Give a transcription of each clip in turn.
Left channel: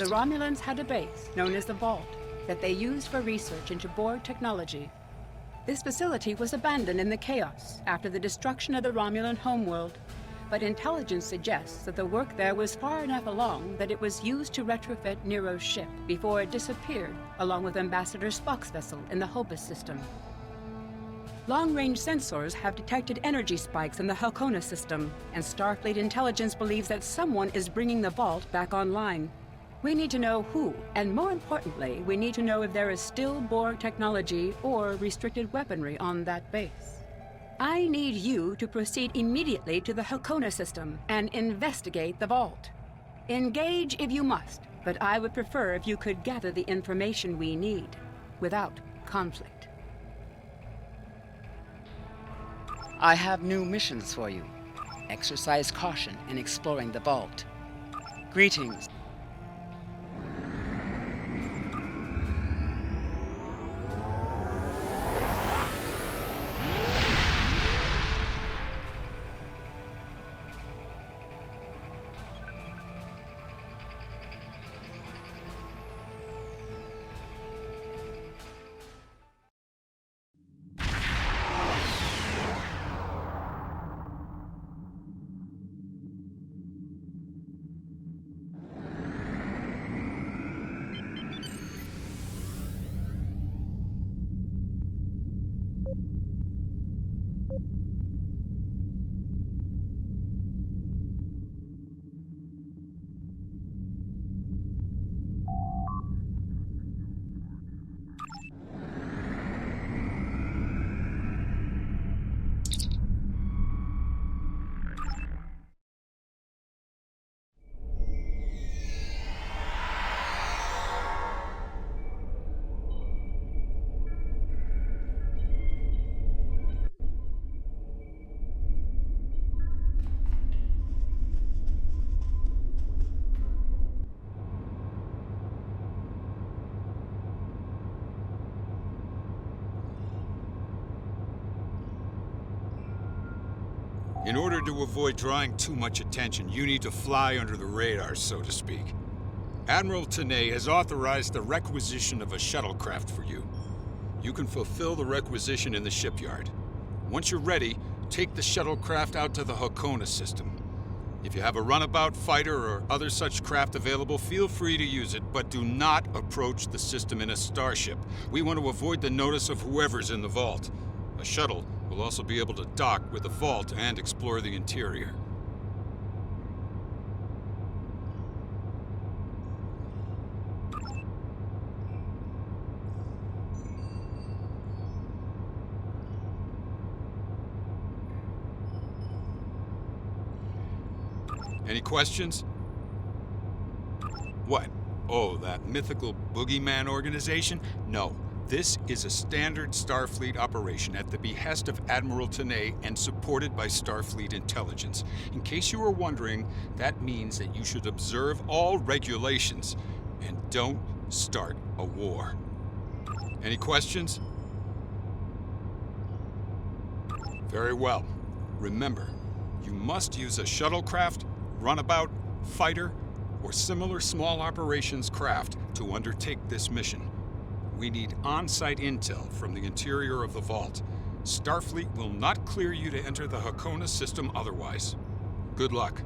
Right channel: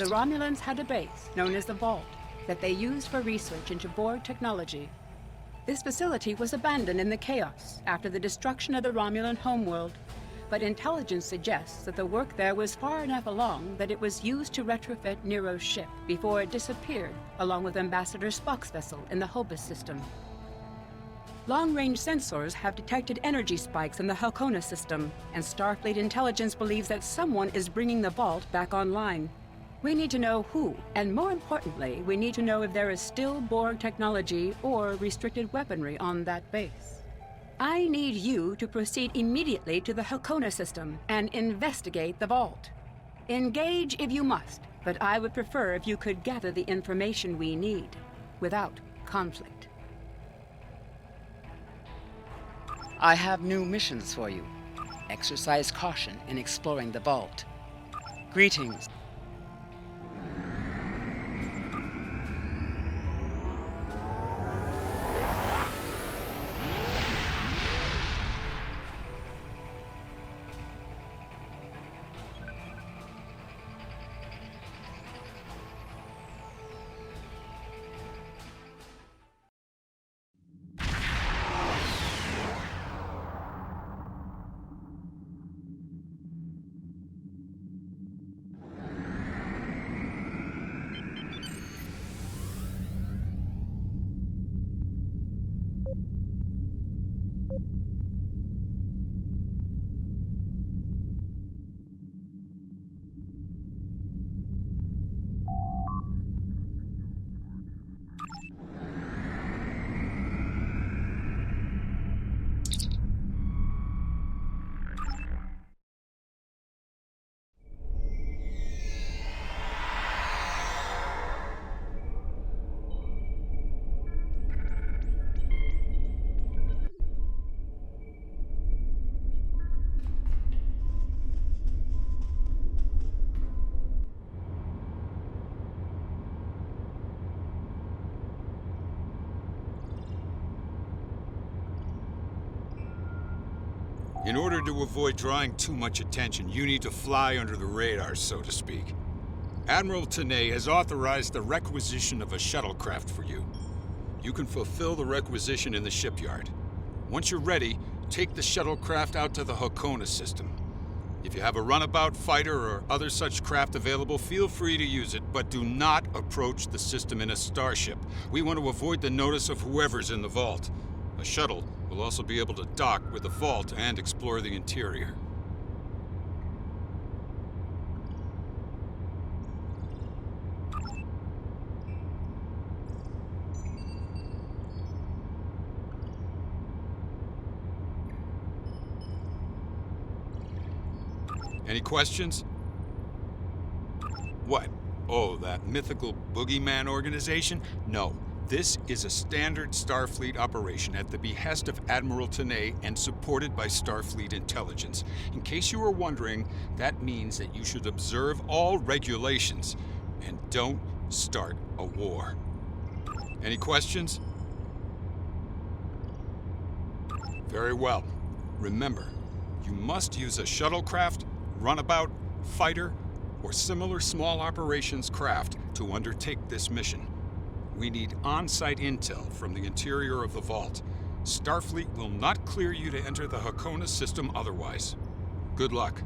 The Romulans had a base known as the Vault that they used for research into Borg technology. This facility was abandoned in the chaos after the destruction of the Romulan homeworld, but intelligence suggests that the work there was far enough along that it was used to retrofit Nero's ship before it disappeared along with Ambassador Spock's vessel in the Hobus system. Long-range sensors have detected energy spikes in the Halcona system, and Starfleet intelligence believes that someone is bringing the Vault back online. We need to know who, and more importantly, we need to know if there is still Borg technology or restricted weaponry on that base. I need you to proceed immediately to the Halcona system and investigate the Vault. Engage if you must, but I would prefer if you could gather the information we need without conflict. I have new missions for you. Exercise caution in exploring the Vault. Greetings. In order to avoid drawing too much attention, you need to fly under the radar, so to speak. Admiral Tenay has authorized the requisition of a shuttlecraft for you. You can fulfill the requisition in the shipyard. Once you're ready, take the shuttlecraft out to the Halcona system. If you have a runabout, fighter, or other such craft available, feel free to use it, but do not approach the system in a starship. We want to avoid the notice of whoever's in the vault. A shuttle will also be able to dock with the vault and explore the interior. Any questions? What? Oh, that mythical boogeyman organization? No. This is a standard Starfleet operation at the behest of Admiral Tenay and supported by Starfleet intelligence. In case you were wondering, that means that you should observe all regulations and don't start a war. Any questions? Very well. Remember, you must use a shuttlecraft, runabout, fighter, or similar small operations craft to undertake this mission. We need on-site intel from the interior of the vault. Starfleet will not clear you to enter the Halcona system otherwise. Good luck.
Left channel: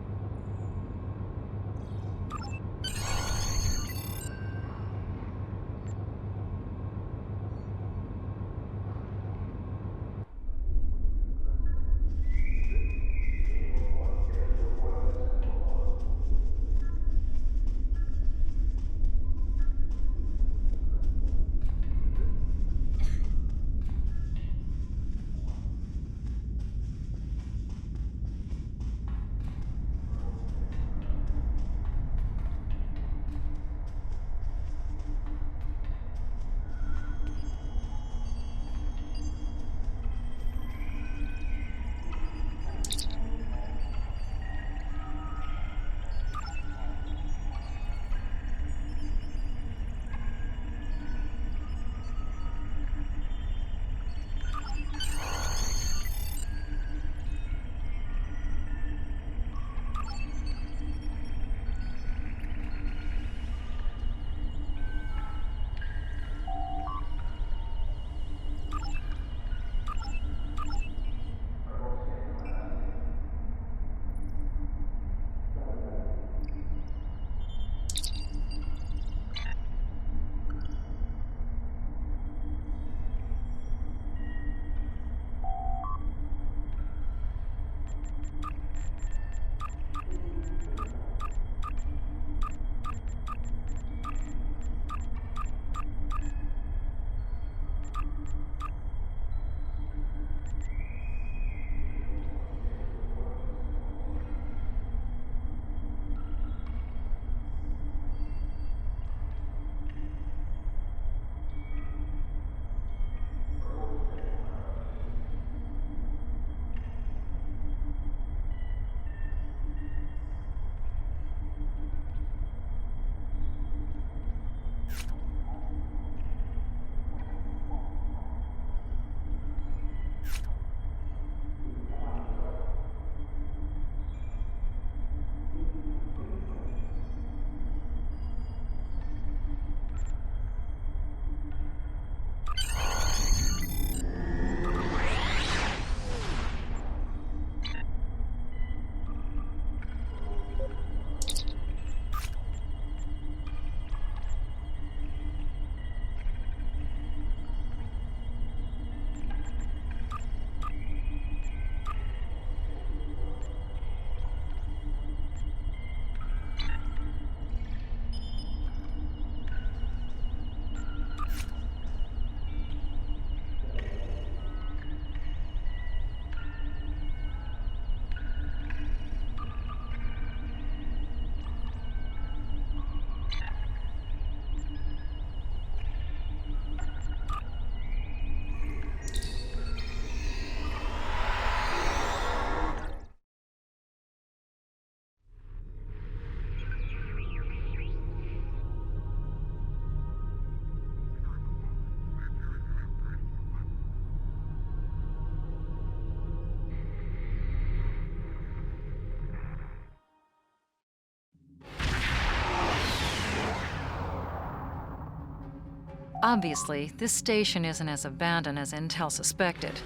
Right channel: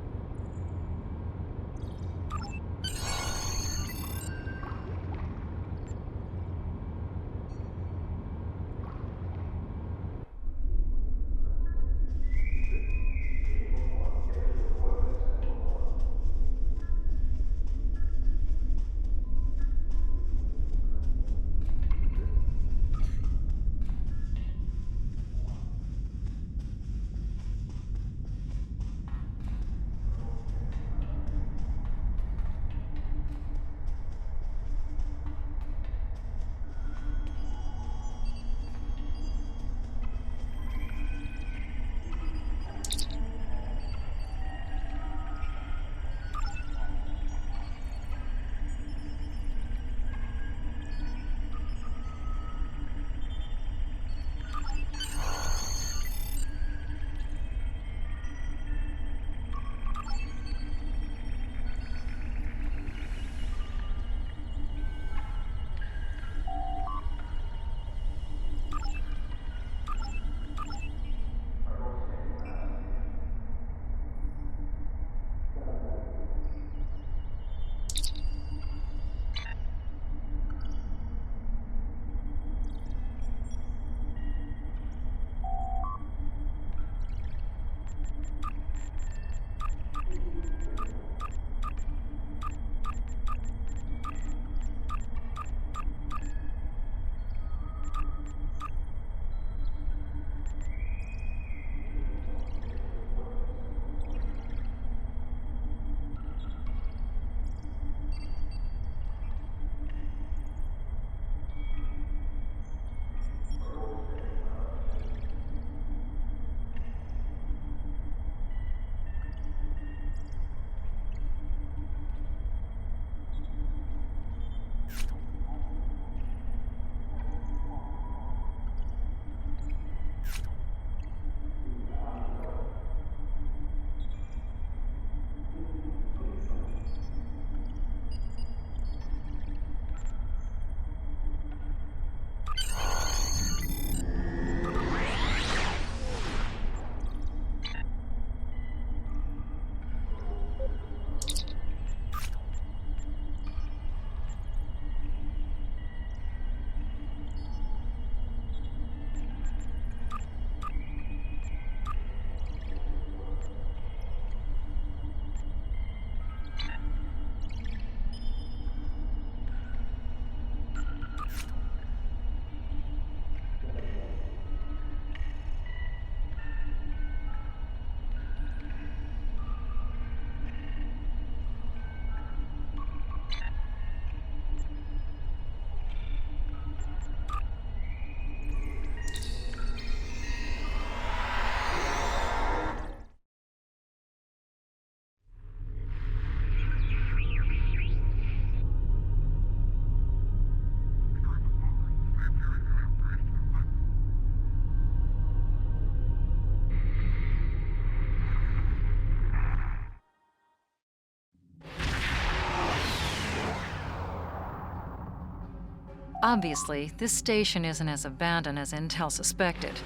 Obviously, this station isn't as abandoned as Intel suspected.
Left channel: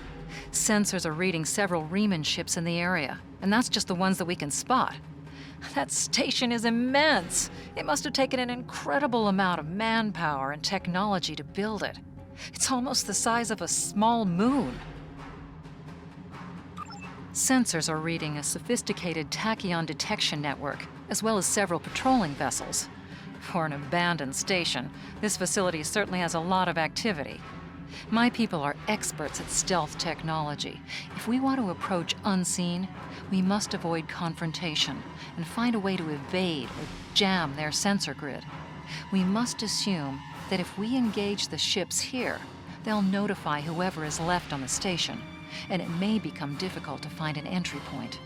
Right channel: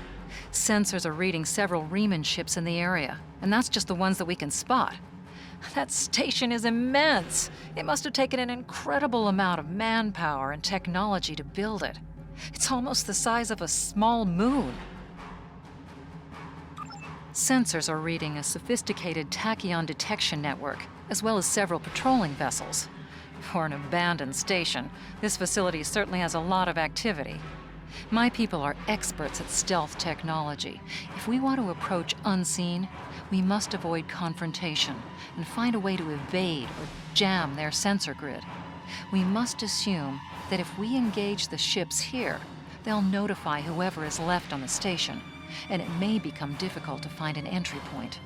Sensors are reading several Riemann ships in the area, and that's just the ones that we can spot. That station is immense. It must have taken an incredible amount of manpower and technology to build it. It's almost the size of a small moon. Sensors are reading a sophisticated tachyon detection network, as well as several patrolling vessels. For an abandoned station, this facility certainly has a lot of activity. My people are experts at stealth technology. If we want to approach unseen, we must avoid confrontation and find a way to evade or jam their sensor grid. We must assume that if we engage the ships here, they'll notify whoever is left on the station, and it may become difficult to find an entry point.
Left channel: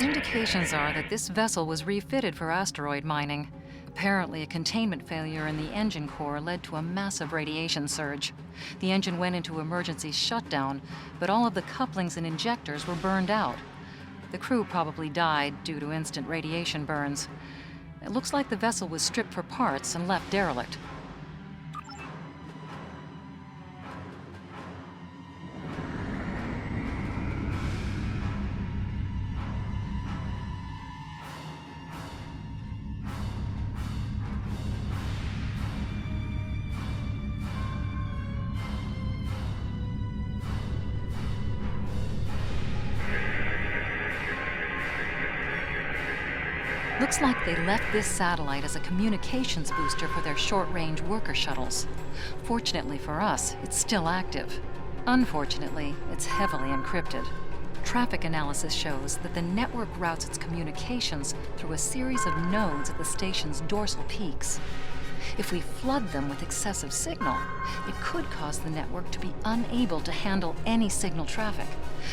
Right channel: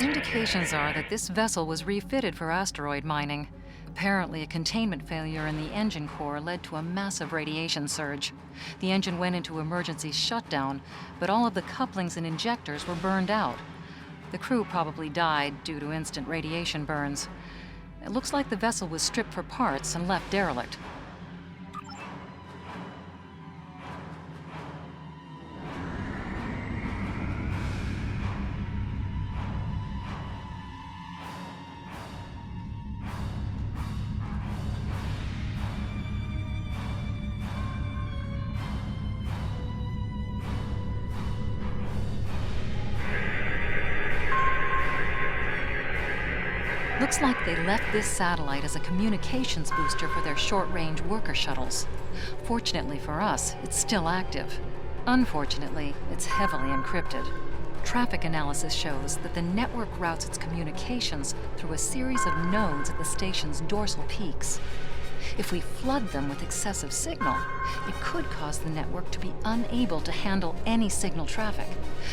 Indications are that this vessel was refitted for asteroid mining. Apparently, a containment failure in the engine core led to a massive radiation surge. The engine went into emergency shutdown, but all of the couplings and injectors were burned out. The crew probably died due to instant radiation burns. It looks like the vessel was stripped for parts and left derelict. Looks like they left this satellite as a communications booster for their short-range worker shuttles. Fortunately for us, it's still active. Unfortunately, it's heavily encrypted. Traffic analysis shows that the network routes its communications through a series of nodes at the station's dorsal peaks. If we flood them with excessive signal, it could cause the network to be unable to handle any signal traffic,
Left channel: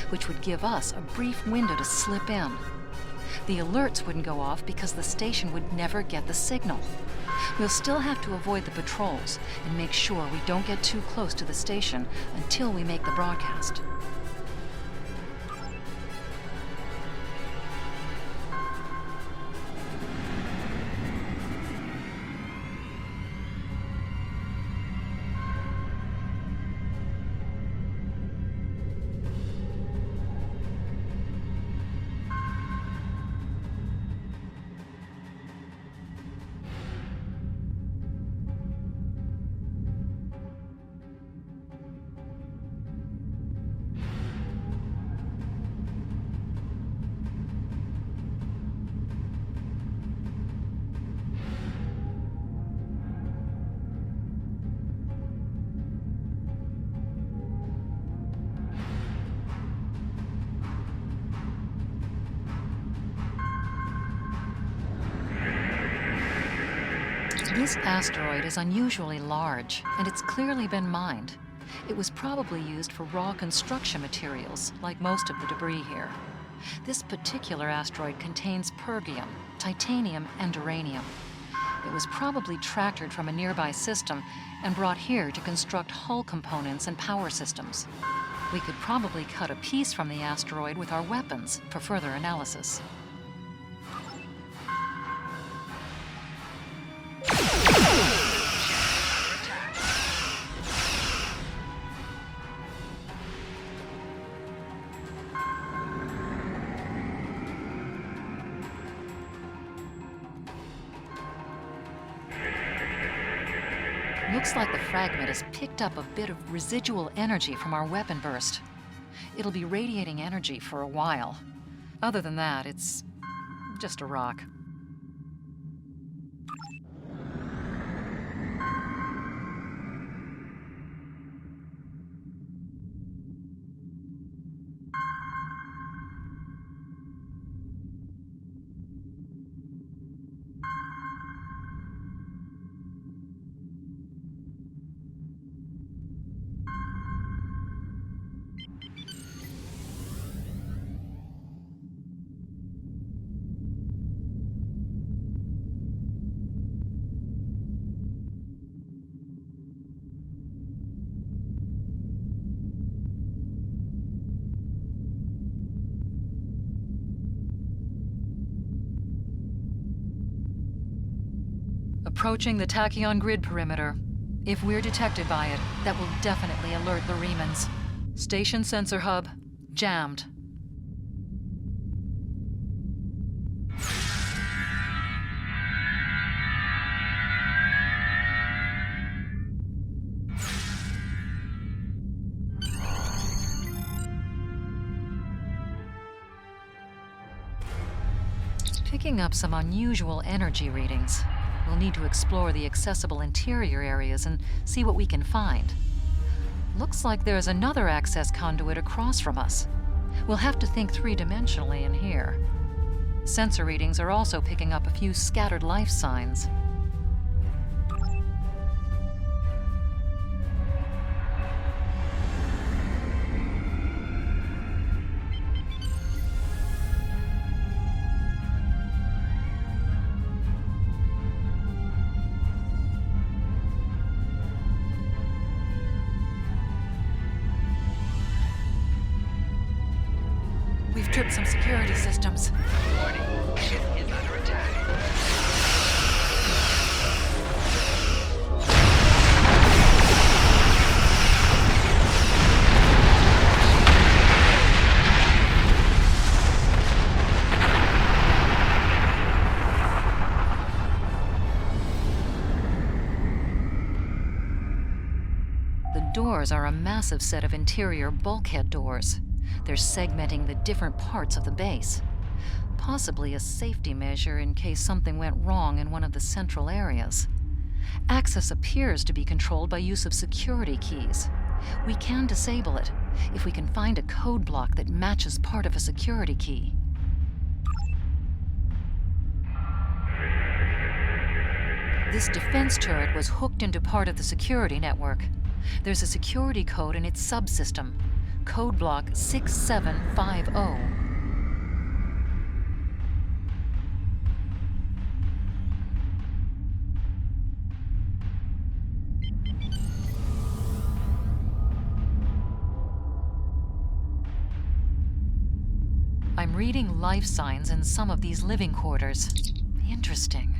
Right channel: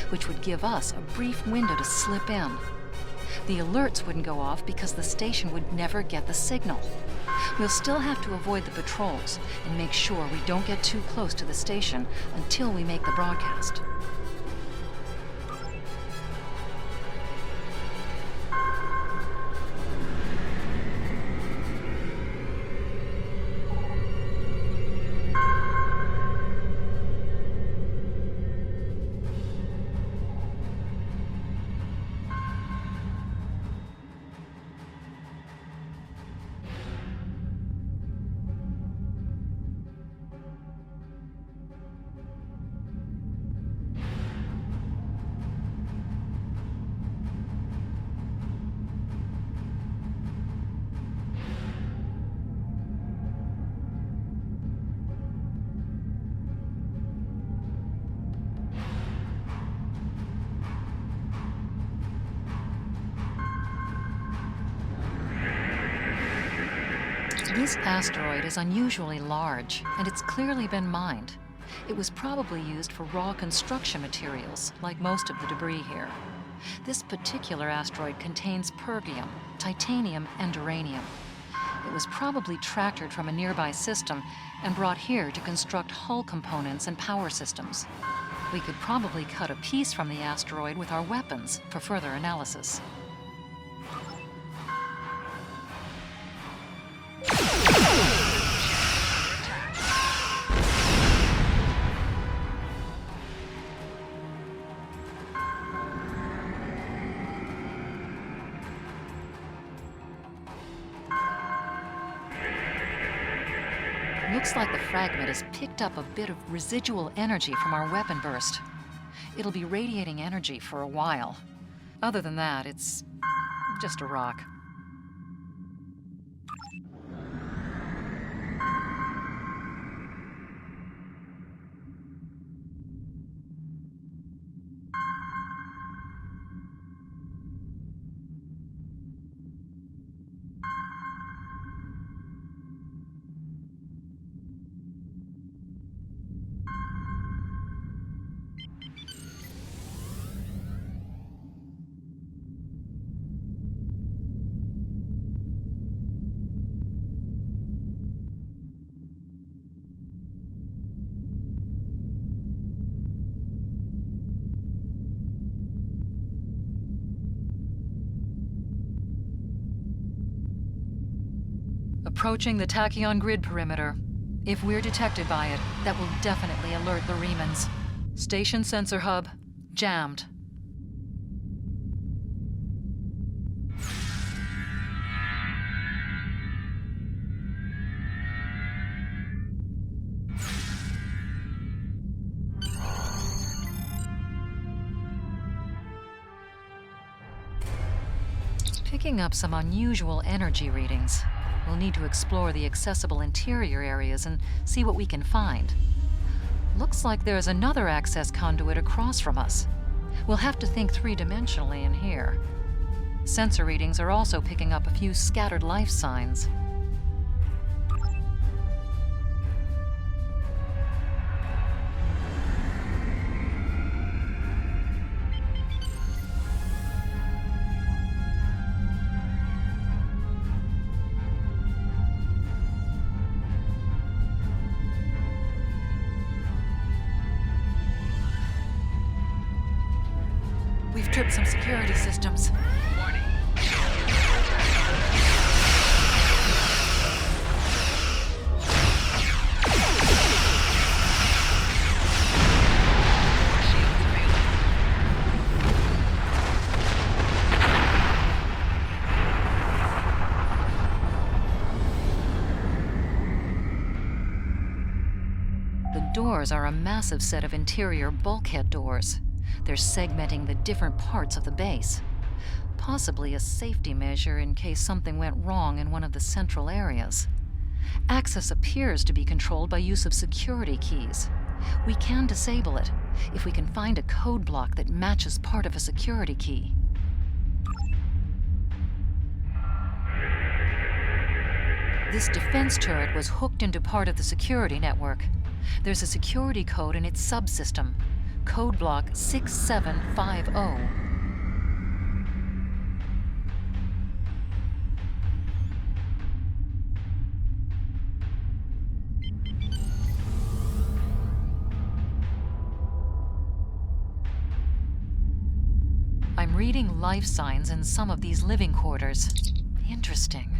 which would give us a brief window to slip in. The alerts wouldn't go off because the station would never get the signal. We'll still have to avoid the patrols and make sure we don't get too close to the station until we make the broadcast. This asteroid is unusually large, and it's clearly been mined. It was probably used for raw construction materials, like most of the debris here. This particular asteroid contains pergium, titanium, and uranium. It was probably tractored from a nearby system and brought here to construct hull components and power systems. We could probably cut a piece from the asteroid with our weapons for further analysis. Looks like the fragment has picked up a bit of residual energy from our weapon burst. It'll be radiating energy for a while. Other than that, it's just a rock. Approaching the tachyon grid perimeter. If we're detected by it, that will definitely alert the Remans. Station sensor hub jammed. Picking up some unusual energy readings. We'll need to explore the accessible interior areas and see what we can find. Looks like there's another access conduit across from us. We'll have to think three-dimensionally in here. Sensor readings are also picking up a few scattered life signs. We've tripped some security systems. Warning. Shield under attack. The doors are a massive set of interior bulkhead doors. They're segmenting the different parts of the base. Possibly a safety measure in case something went wrong in one of the central areas. Access appears to be controlled by use of security keys. We can disable it if we can find a code block that matches part of a security key. This defense turret was hooked into part of the security network. There's a security code in its subsystem. Code block 6750. I'm reading life signs in some of these living quarters. Interesting.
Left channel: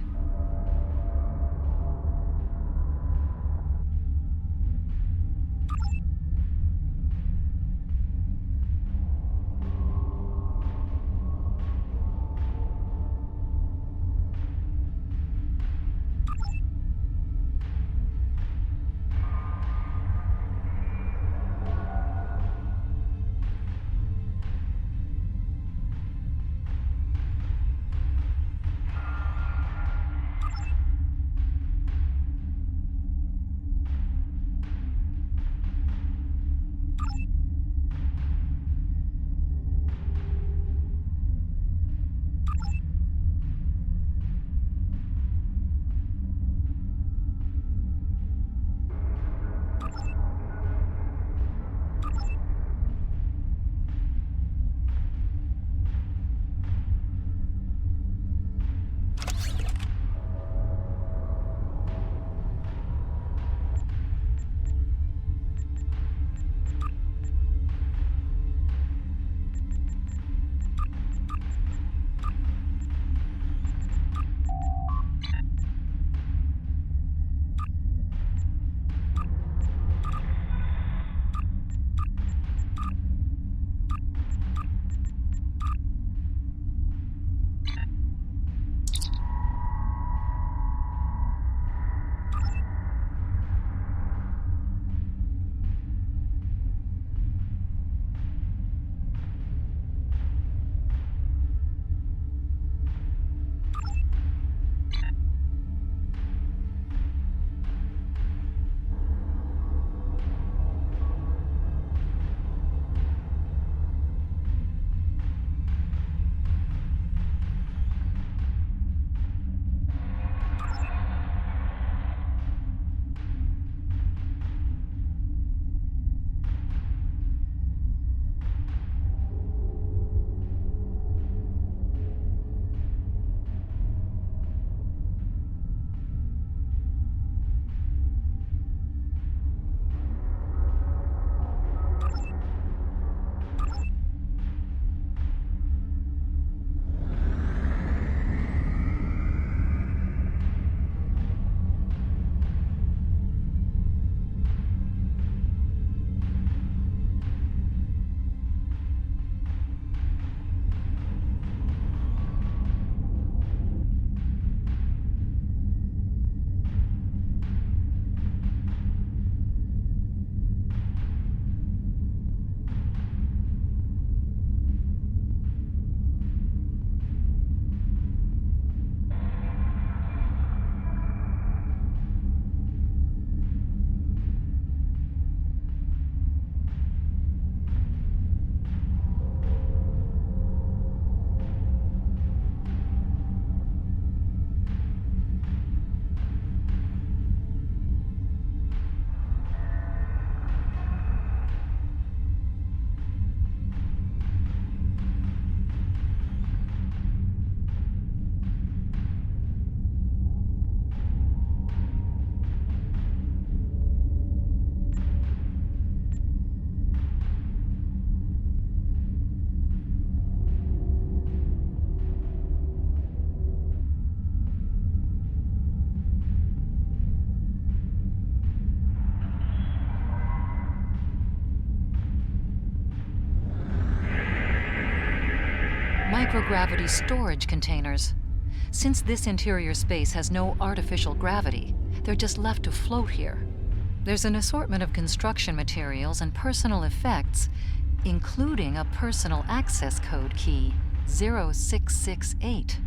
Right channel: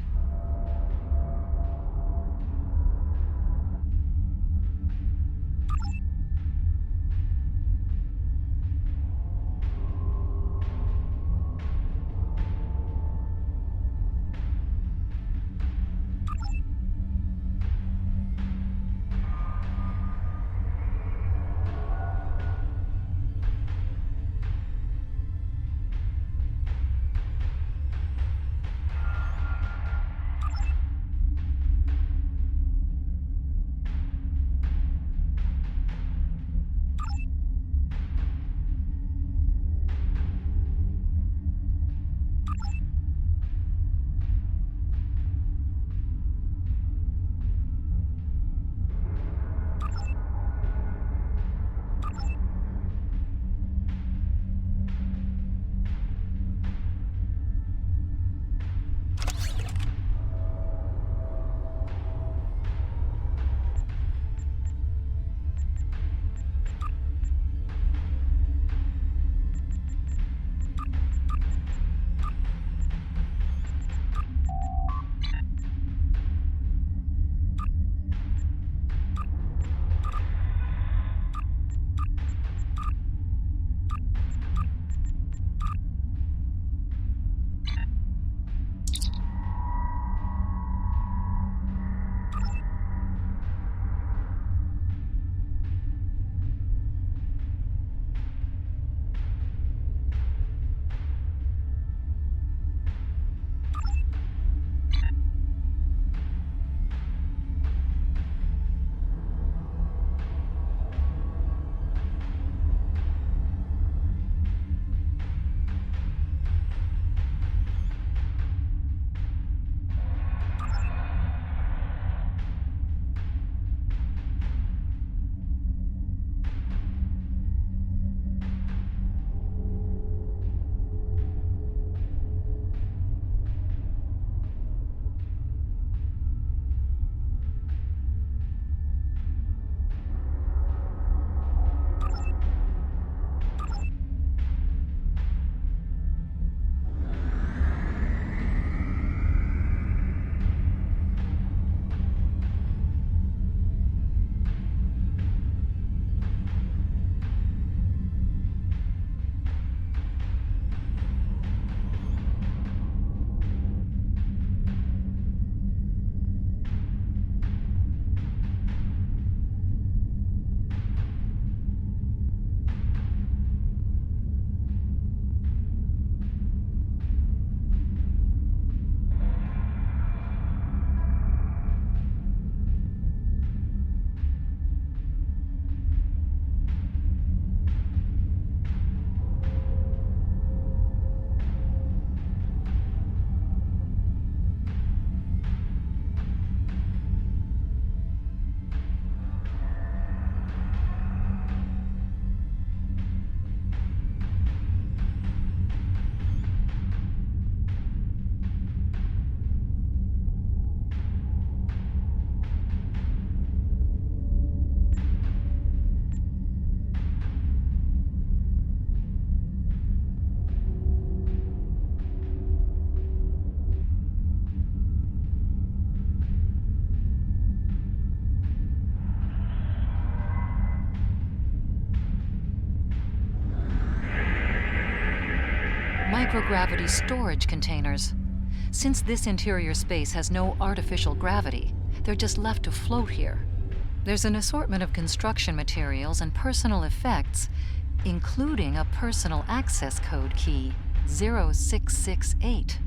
microgravity storage containers. Since this interior space has no artificial gravity, they're just left to float here. There's an assortment of construction materials and personal effects, including a personal access code key, 0668.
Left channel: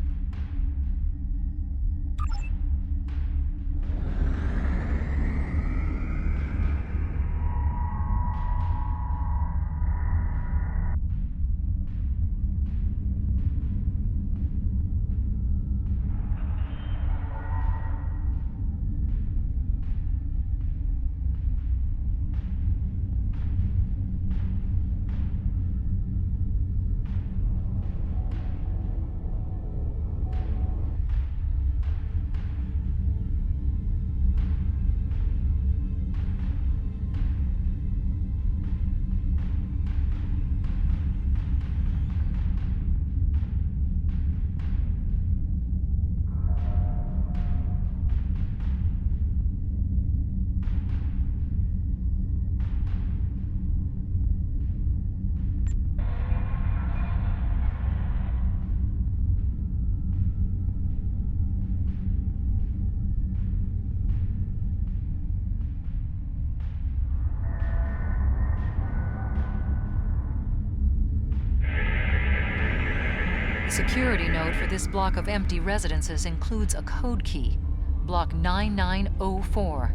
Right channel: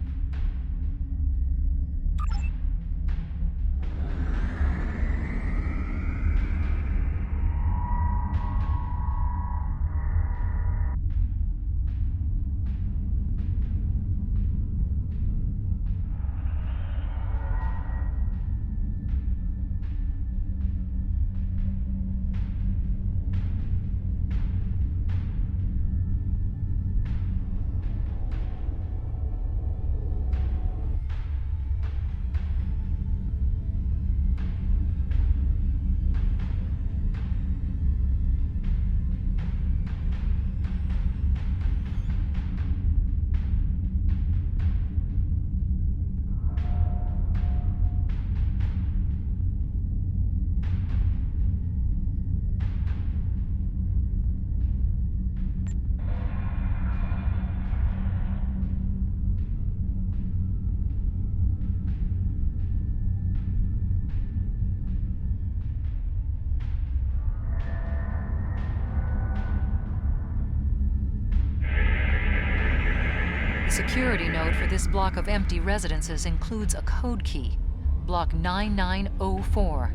The security node for this block of empty residences includes a code key, block 9904.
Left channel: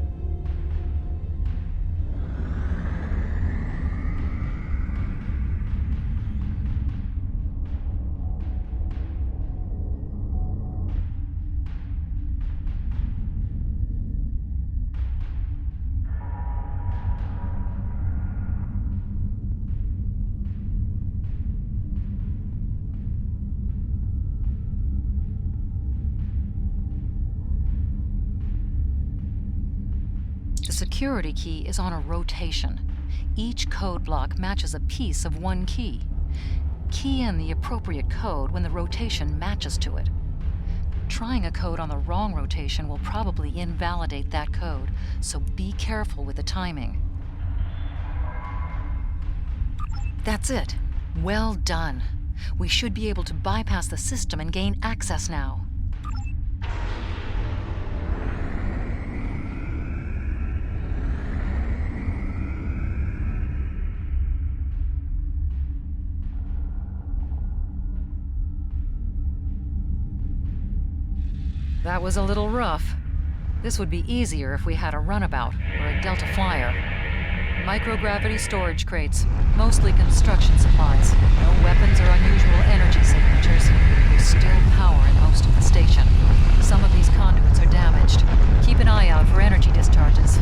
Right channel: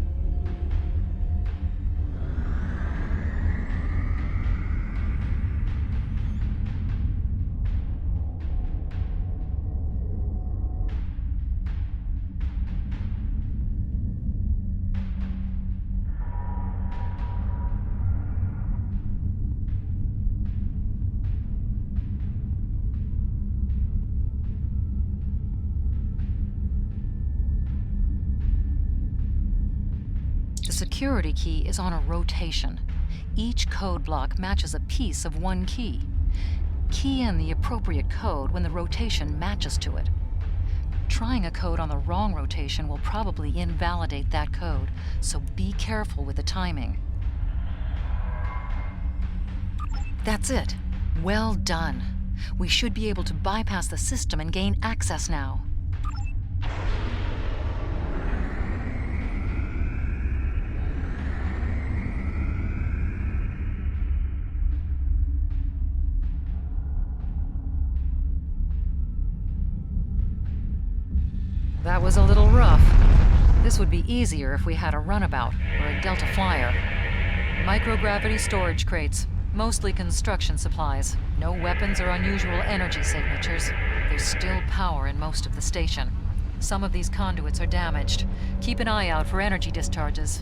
The security key is on a rotation. Each code block matches a piece of one key. Key in the appropriate code when the rotation matches to it. Trying a code on the wrong rotation will probably invalidate that code, so be careful with the timing. That's it. Well done. We should be able to bypass the system and gain access now. That was a little rough. This would be easier if we had a runabout or a Delta Flyer. Microgravity storage crates, mostly construction supplies. No weapons or unusual energy signatures. There's still power in most of the station. Some of these conduits are damaged. Keep an eye out for energy discharges.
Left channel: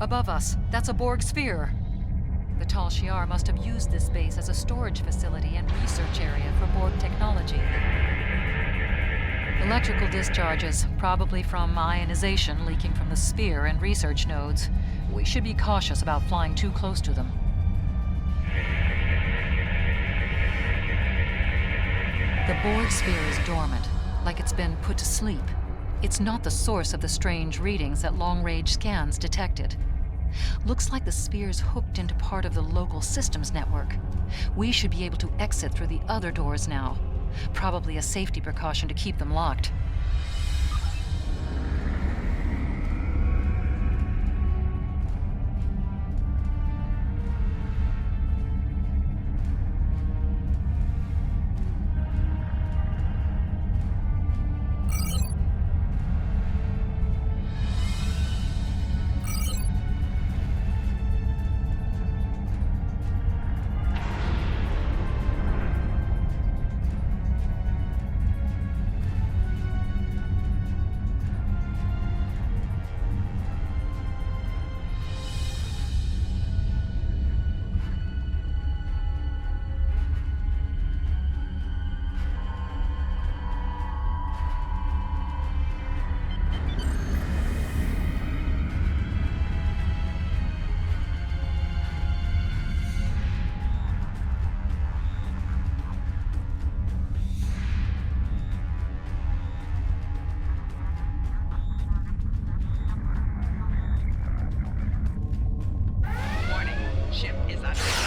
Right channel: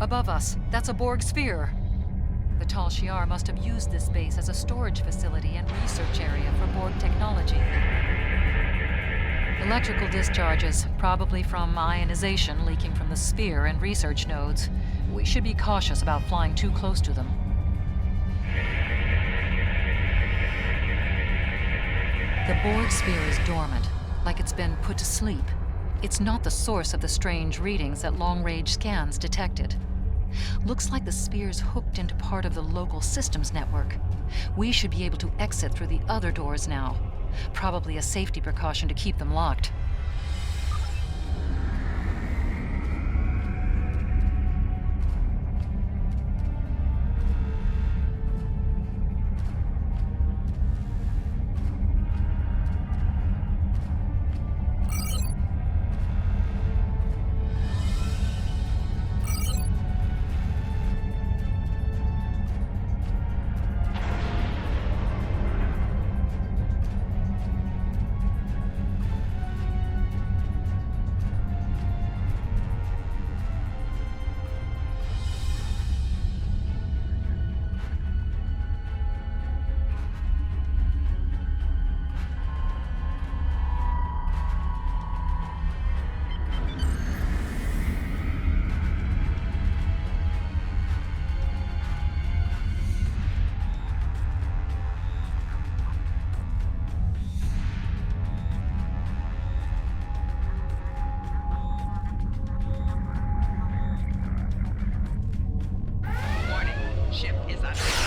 Above us, that's a Borg sphere. The Tal Shiar must have used this base as a storage facility and research area for Borg technology. Electrical discharges, probably from ionization leaking from the sphere and research nodes. We should be cautious about flying too close to them. The Borg sphere is dormant, like it's been put to sleep. It's not the source of the strange readings that long-range scans detected. Looks like the sphere's hooked into part of the local systems network. We should be able to exit through the other doors now. Probably a safety precaution to keep them locked. Ship is under attack.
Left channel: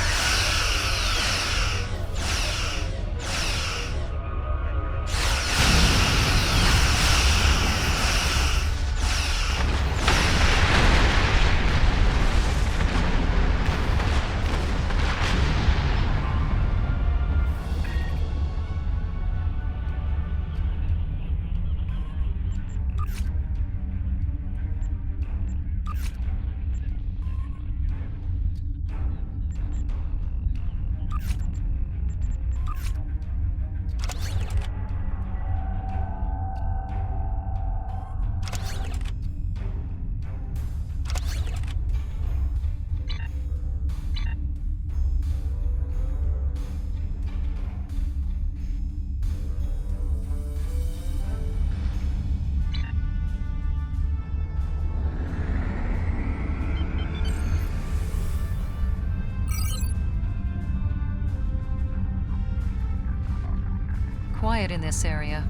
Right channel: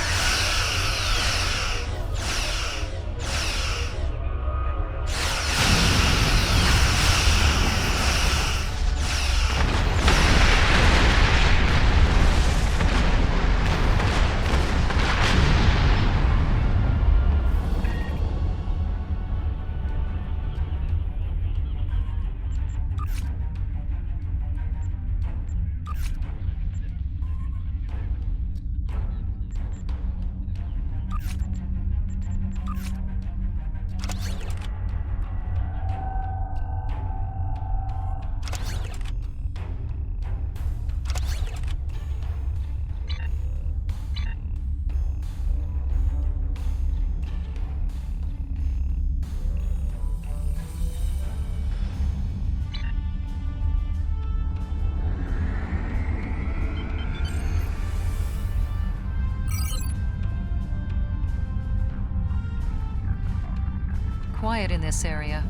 Quiet in this area.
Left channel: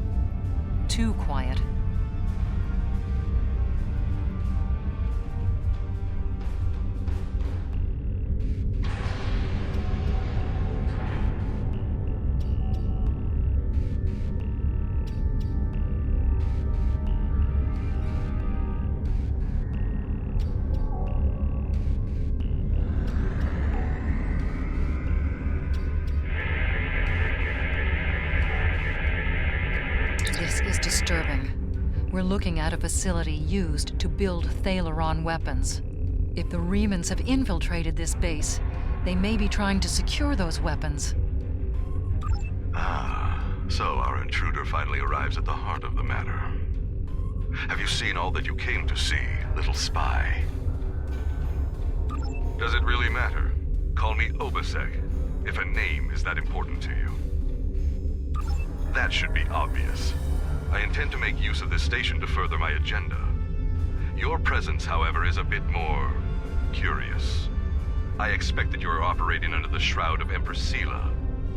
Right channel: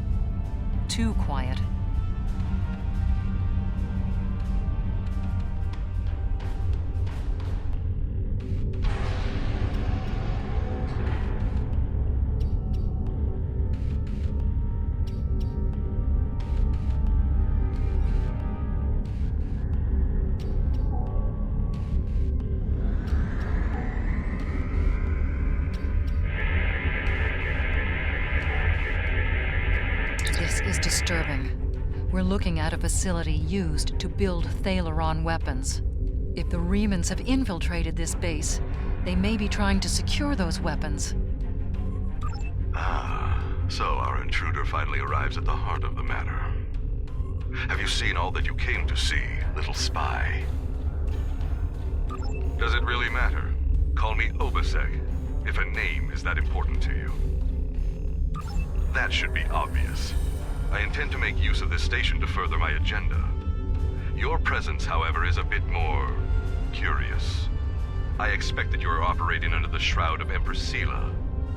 Too quiet. This is disturbing. We're looking at a facility used to build Thalaron weapons. If the Remans have infiltrated this base, they may be trying to secure those weapons. So our intruder finally arrives at the heart of the matter. Have you seen all that you came to see, little spy? Does it really matter? Call me Obasek, if a name is that important to you. That should be obvious. I intend to make use of this station to further my agenda. Your presence, however, is a bit more curious. I expect that you are operating under the shroud of Empress Sela,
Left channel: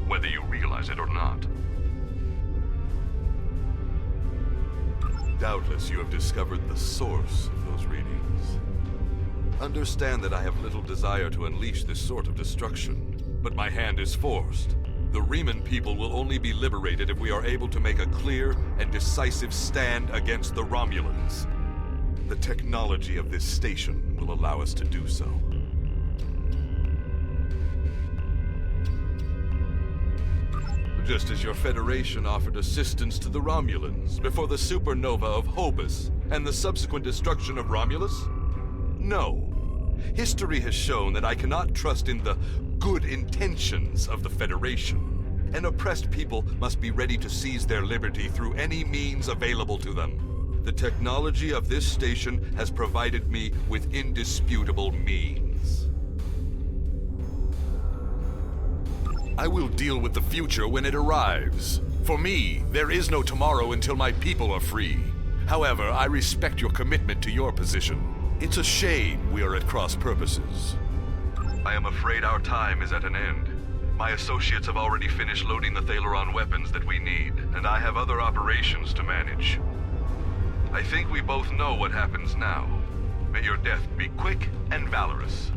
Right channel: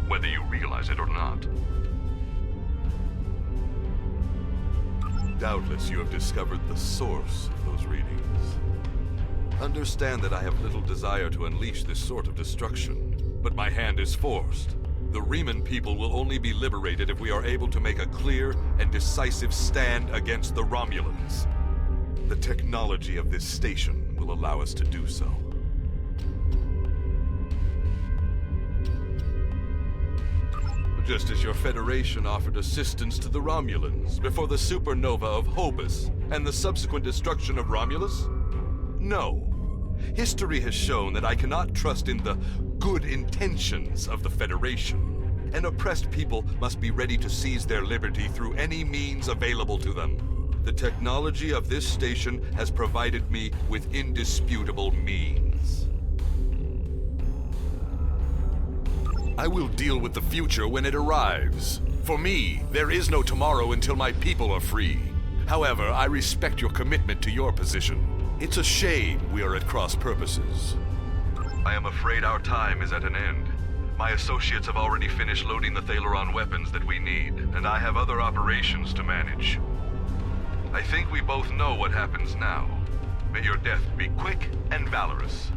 whether you realize it or not. Doubtless you have discovered the source of those readings. Understand that I have little desire to unleash this sort of destruction, but my hand is forced. The Reman people will only be liberated if we are able to make a clear and decisive stand against the Romulans. The technology of this station will allow us to do so. Just as your Federation offered assistance to the Romulans before the supernova of Hobus and the subsequent destruction of Romulus? No. History has shown that I cannot trust in the good intentions of the Federation. An oppressed people must be ready to seize their liberty through any means available to them. The technology of this station has provided me with indisputable means. I will deal with the future when it arrives. For me, there is no tomorrow until my people are free. However, I respect your commitment to your position. It's a shame we are at cross purposes. I am afraid our time is at an end. My associates have already finished loading the Thaleron weapons that we need, and I have other operations to manage. I think we both know what happens now. May your death be quick and valorous.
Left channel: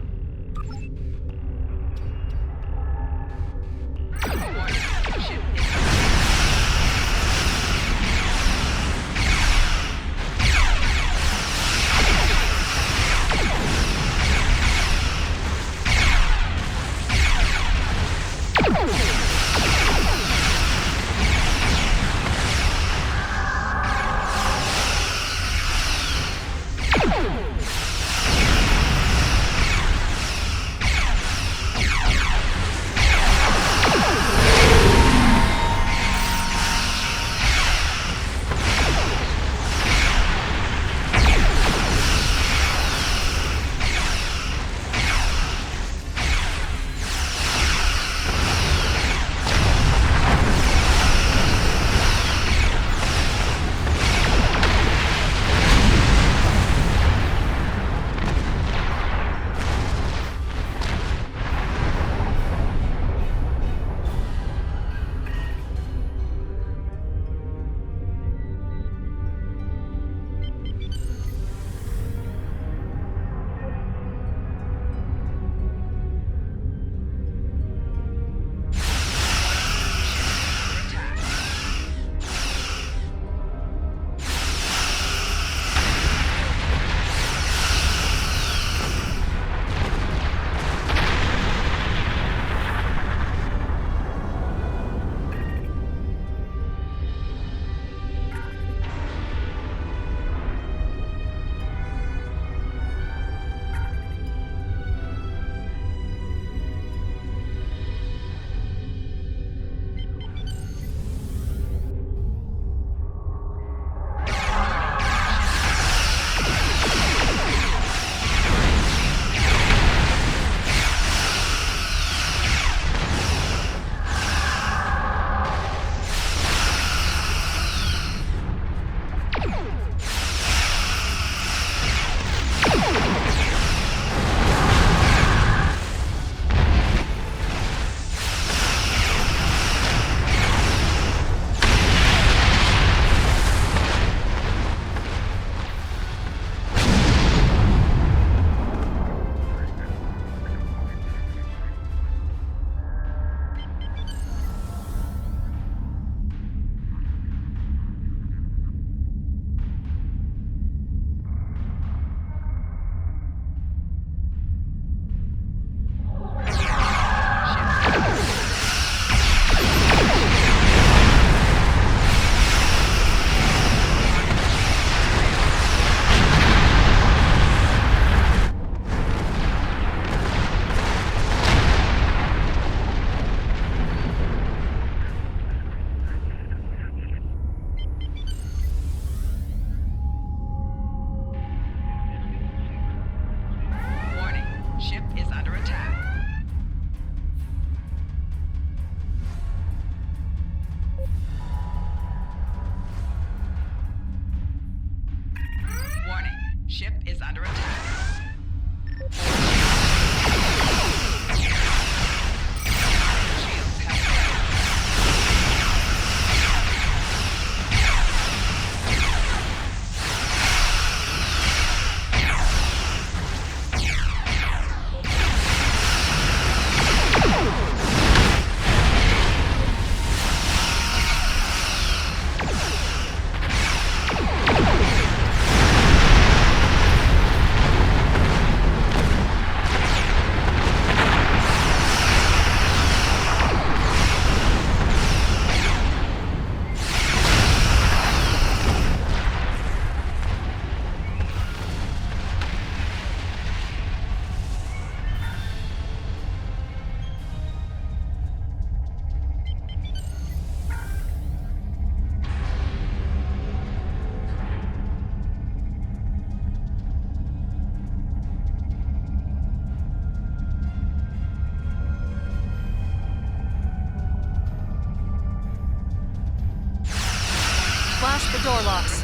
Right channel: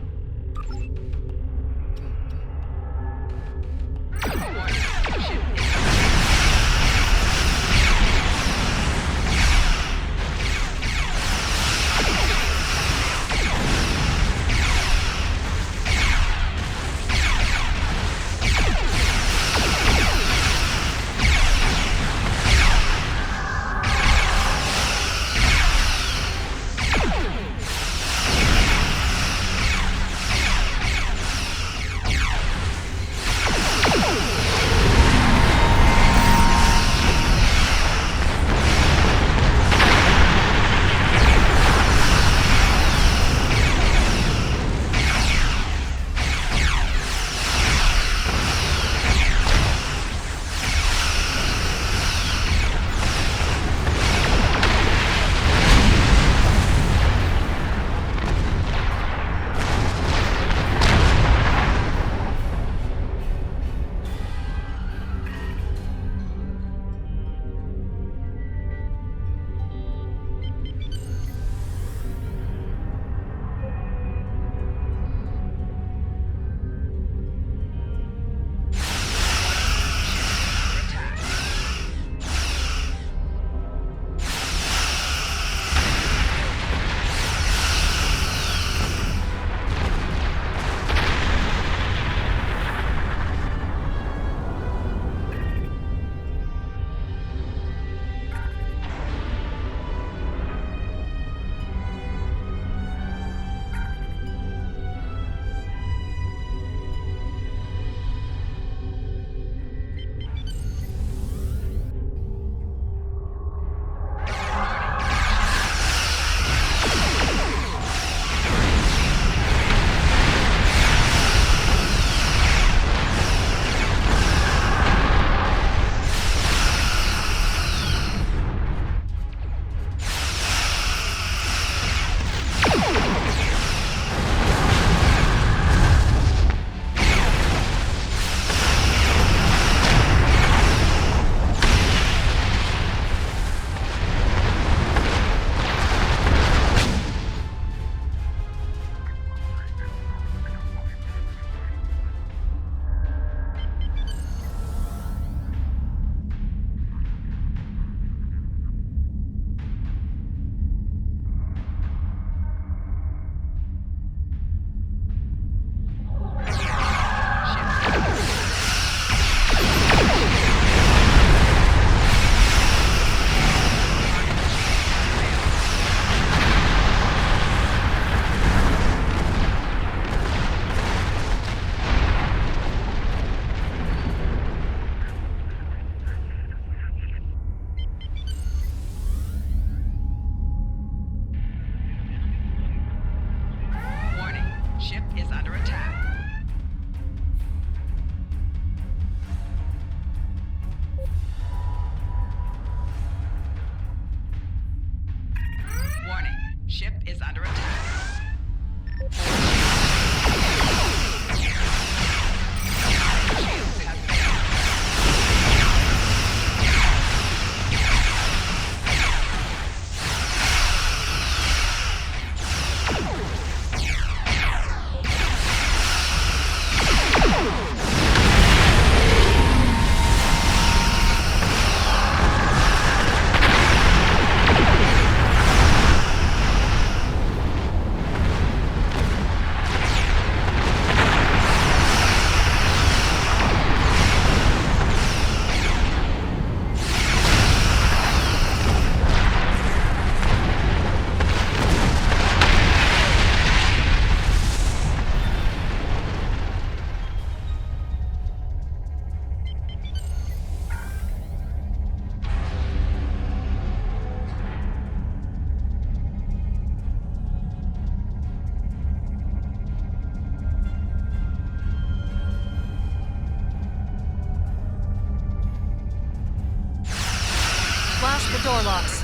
Ship is under attack. Warning, ship is under attack. Shields have failed. past the door locks.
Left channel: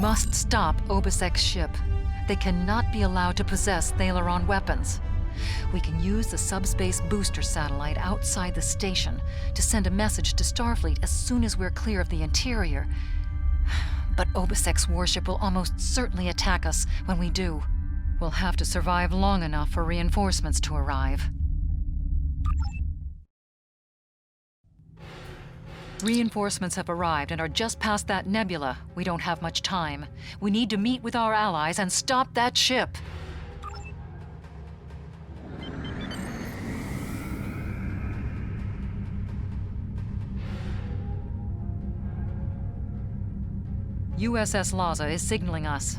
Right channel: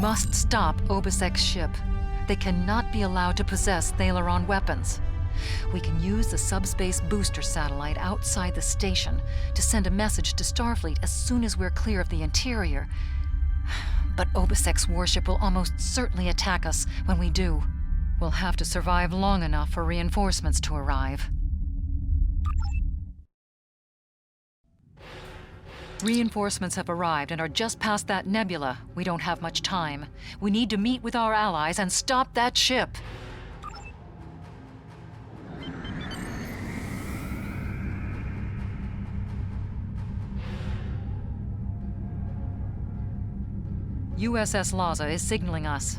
Must stop Obasek's ship. They cannot be allowed to possess Thaleron weapons. We can use the subspace booster satellite outside the station to send a message to Starfleet as soon as we're clear of the interior. But Obasek's warship will almost certainly attack us when we do. We'll have to survive long enough for reinforcements to arrive. Reinforcements have arrived and are just past that nebula. We don't have much time. We need to meet with our allies and stop that ship. USS Laza is signaling us.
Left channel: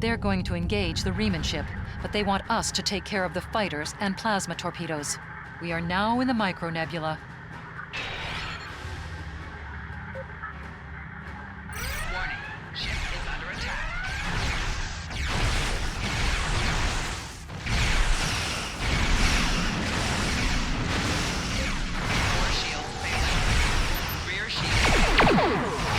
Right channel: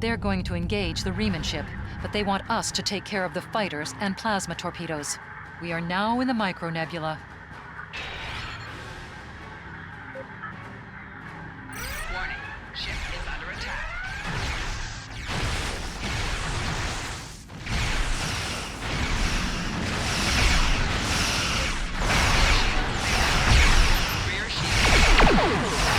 They're going to engage the Riemann ship, but they want us to take care of the fighters and plasma torpedoes. We are now in the micronebula. Warning, ship is under attack. Rear shield failed. Rear shield.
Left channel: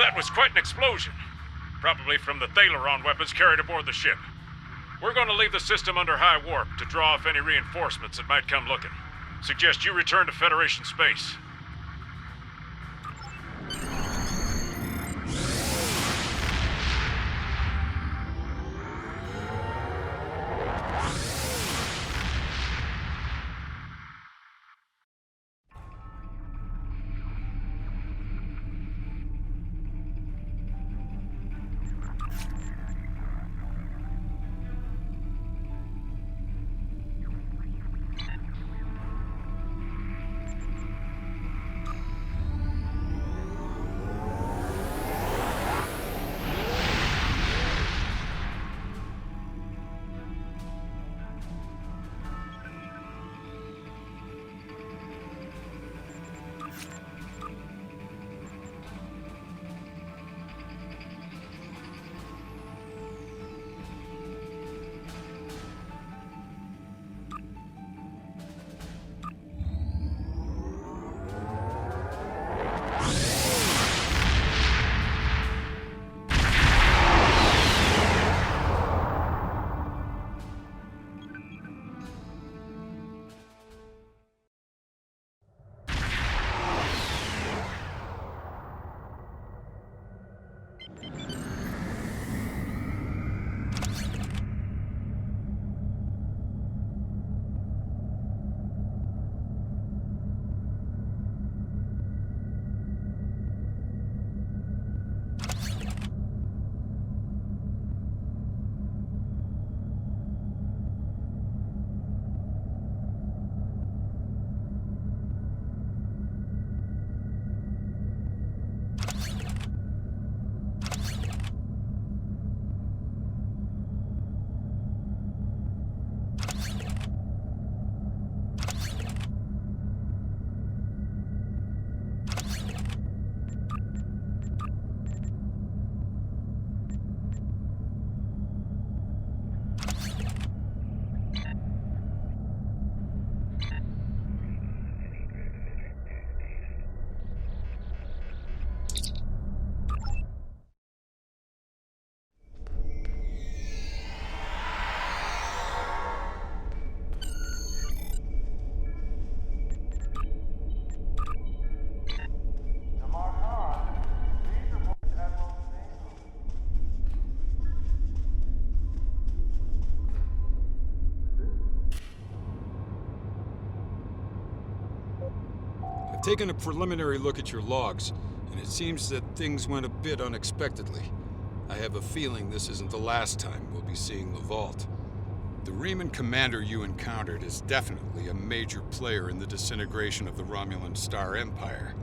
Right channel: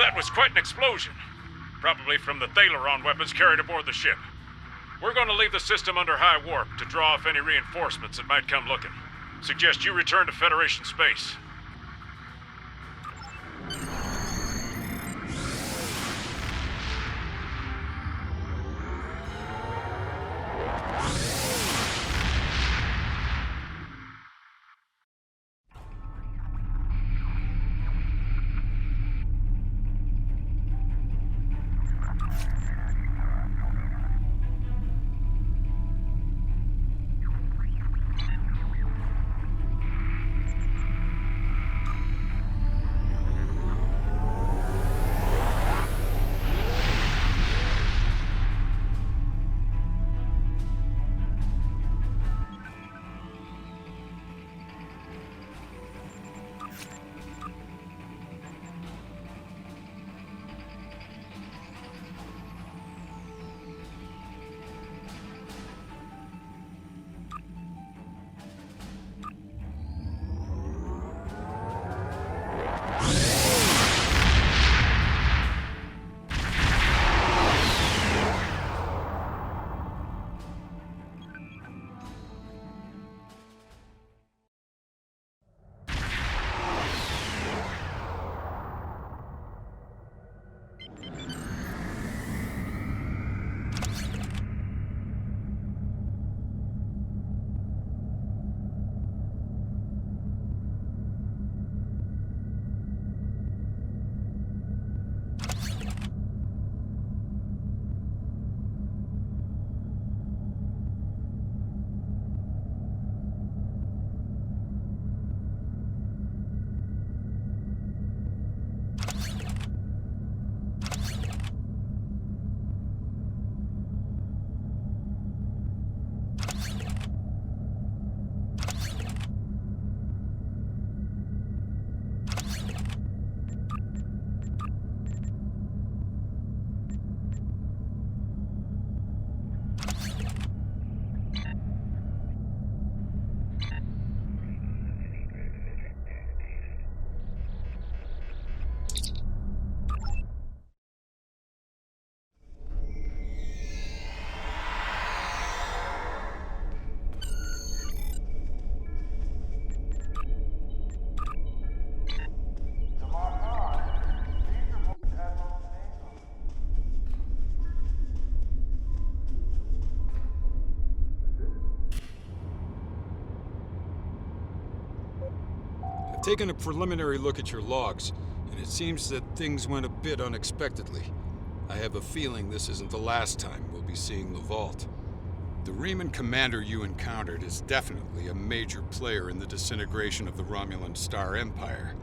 That was quite an explosion. Probably from the Thaleron weapons carried aboard the ship. We're going to leave the system under high warp to draw off any reinforcements that might come looking. Suggest you return to Federation space. I've taken a preliminary look at your logs, and it seems that things went a bit unexpectedly. I have a feeling this isn't the last time we'll be seeing the vault. The Reman commander you encountered is definitely a major player in the disintegration of the Romulan Star Empire.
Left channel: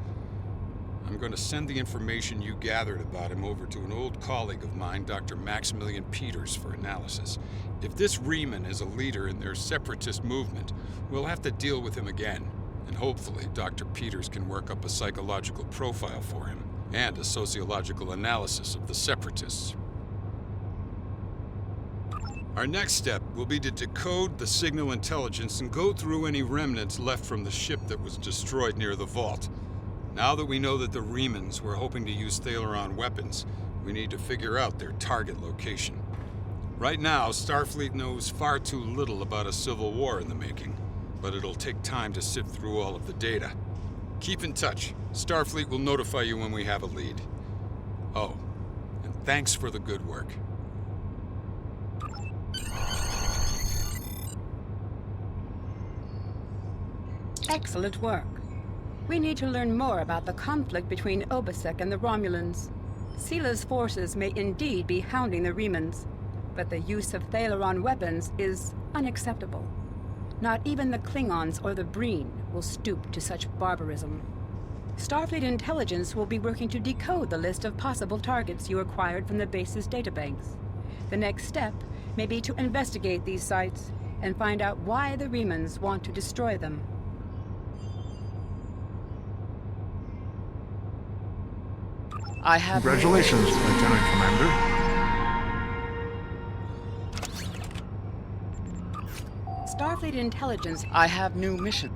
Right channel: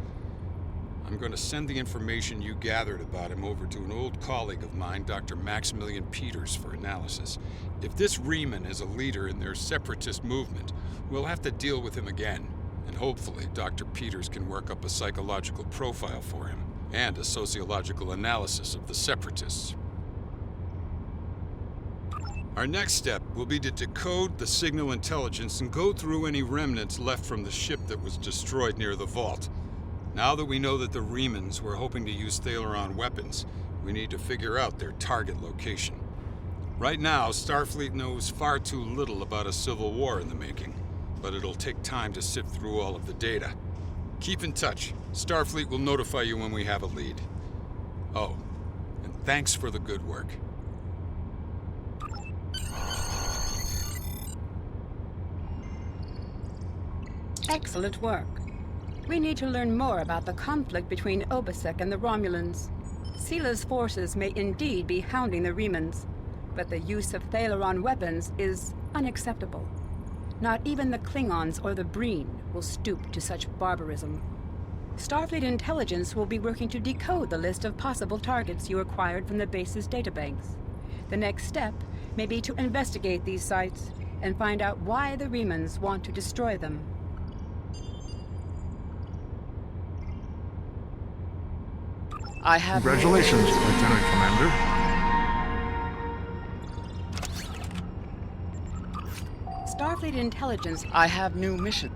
I'm going to send the information you gathered about him over to an old colleague of mine, Dr. Maximilian Peters, for analysis. If this Reman is a leader in their separatist movement, we'll have to deal with him again. And hopefully, Dr. Peters can work up a psychological profile for him, and a sociological analysis of the separatists. Our next step will be to decode the signal intelligence and go through any remnants left from the ship that was destroyed near the vault. Now that we know that the Remans were hoping to use Thaleron weapons, we need to figure out their target location. Right now, Starfleet knows far too little about a civil war in the making, but it'll take time to sift through all of the data. Keep in touch. Starfleet will notify you when we have a lead. Oh, and thanks for the good work. Excellent work. We need to learn more about the conflict between Obasek and the Romulans. Sila's forces may indeed be hounding the Remans, but the use of Thaleron weapons is unacceptable. Not even the Klingons or the Breen will stoop to such barbarism. Starfleet intelligence will be working to decode the list of possible targets you acquired from the base's databanks. The next step may be to investigate these sites and find out why the Remans want to destroy them. I have... Congratulations, Lieutenant Commander. Starfleet intelligence... I have new mission.